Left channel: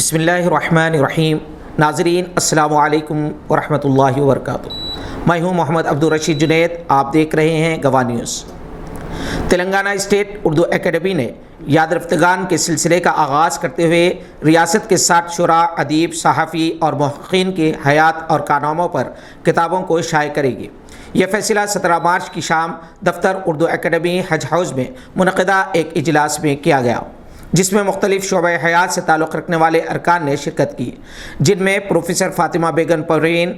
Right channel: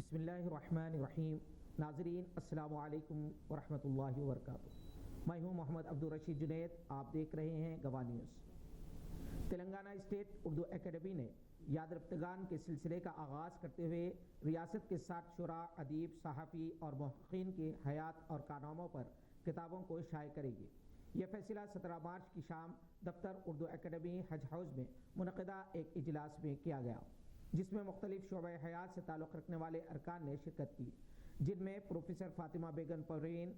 بسم اللہ الرحمن الرحیم۔ ناظرین السلام علیکم ورحمۃ اللہ وبرکاتہ۔ میں ہوں محمد عبدالرشید جنید، آپ دیکھ رہے ہیں گواہ news. Telangana state Urdu academy نے یاد رفتگان کے سلسلے کا آغاز کرتے ہوئے ریاست کے 60 شعراء، ادیب، صحافی اور محققین کی حیات اور کارناموں پر کتابوں کو شائع کرے گی۔ یہ فیصلہ 17 مارچ کی شام دفتر اردو اکیڈمی حج ہاؤس میں منعقدہ ایک اجلاس میں کیا گیا، جس میں مختلف شعبہ حیات سے تعلق رکھنے والے ارکان نے شرکت کی، جن میں پروفیسر فاطمہ بیگم پروین،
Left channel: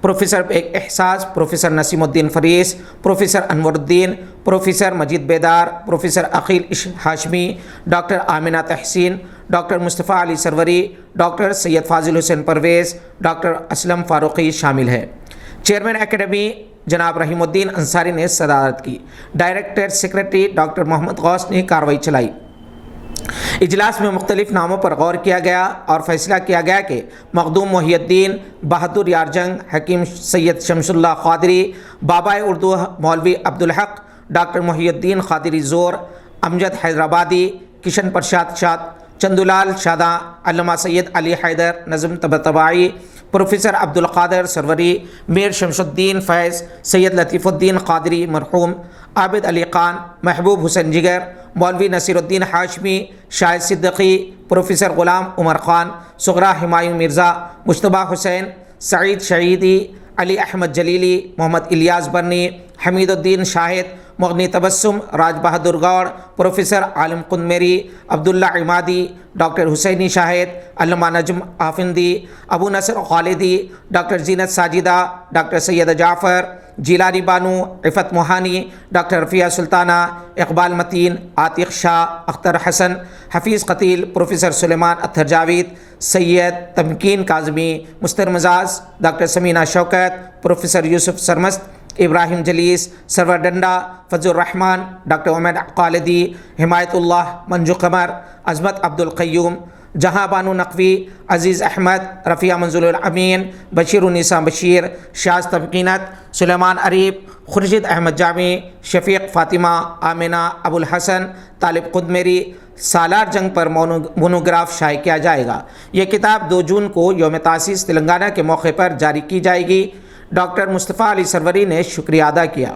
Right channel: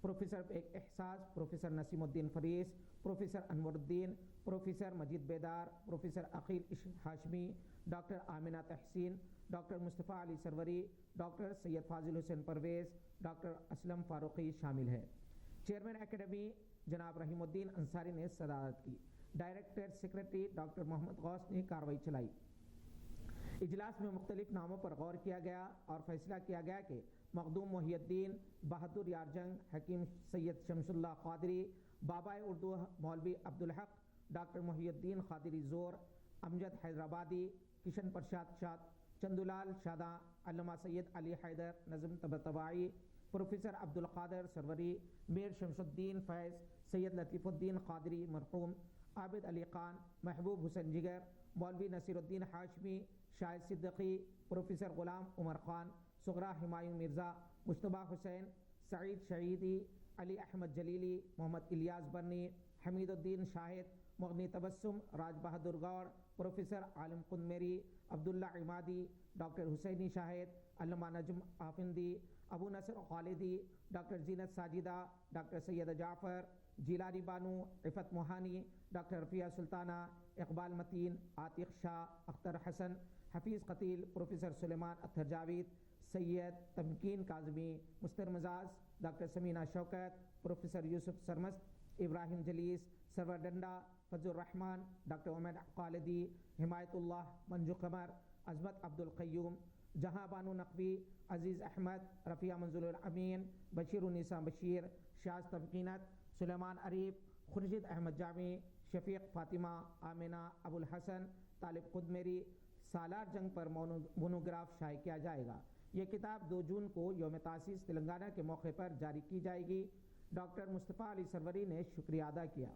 پروفیسر احساس، پروفیسر نسیم الدین فریس، پروفیسر انور الدین، پروفیسر مجید بیدار، پروفیسر عقیل ہاشمی، ڈاکٹر آمنہ تحسین، ڈاکٹر مصطفیٰ علی سروری، ڈاکٹر سید فاضل حسین پرویز، ڈاکٹر اسلم فاروقی شامل ہیں۔ چیئرمین اکیڈمی جناب رحیم الدین انصاری نے صدارت کی۔ ڈائریکٹر سیکریٹری ڈاکٹر محمد غوث نے کارروائی چلائی۔ اجلاس میں مختلف ناموں پر غور کیا گیا اور فیصلہ کیا گیا کہ مخدوم محی الدین، بہادر یارجنگ، حکیم سید شمس اللہ قادری، بابائے اردو مولوی عبدالحق، ڈاکٹر محی الدین قادری زور، امجد حیدرآبادی، کشن پرشاد شاد، چندولال شاداں، علامہ سید علی حیدر نظم طباعی، پروفیسر عبدالقادر سروری، میر شمس الدین فیض، سید لطیف الدین قادری مرحوم، عابد علی خان، محبوب حسین جگر، مولوی نصیر الدین ہاشمی، شاہد صدیقی، پروفیسر غلام عمر خان، صغرا ہمایوں مرزا، مجتبیٰ حسین، سعید شہیدی، علی احمد جلیلی، محمد الیاس برنی، حمید الدین شاہد، مغنی تبسم، راج بہادر گوڑ، پروفیسر عالم قنمیری، عبداللہ عمادی، ڈاکٹر حسینی شاہد، علامہ نجم آفندی، ابو نصر خالدی، ڈاکٹر زینت ساجدہ، ڈاکٹر سید جعفر، جیلانی بانو، عفت موہانی، ڈاکٹر رفیہ سلطانہ، اقبال متین، عاتق شاہ، اختر حسن، حفیظ قتیل، پروفیسر سلیمان اطہر جاوید، سید تمکین کاظمی، مستر مزاج، ڈاکٹر سمینہ شوکت، پروفیسر یوسف سرمست، ابراہیم جلیس، سرور ڈنڈا، فضل الرحمان، ڈاکٹر عمر خالدی، حمایت اللہ، منجو قمر، عظمت عبد القیوم، جہاں بانو نقوی، عزیز احمد، رفیہ منظور الامین، بشیر النساء بشیر، شاذ تمکینت، سلیمان عریب، خورشید احمد جامی، شفیق فاطمہ، آمنہ ابو الحسن، طالب قدمیری۔ سالار جنگ پر مونوگراف شائع کیا جائے گا۔ یہ کتاب 2 جون کو یوم تاسیس تلنگانہ کے موقع پر جاری کی جائے گی۔ ڈاکٹر مصطفیٰ علی سروری نے شکریہ ادا کیا۔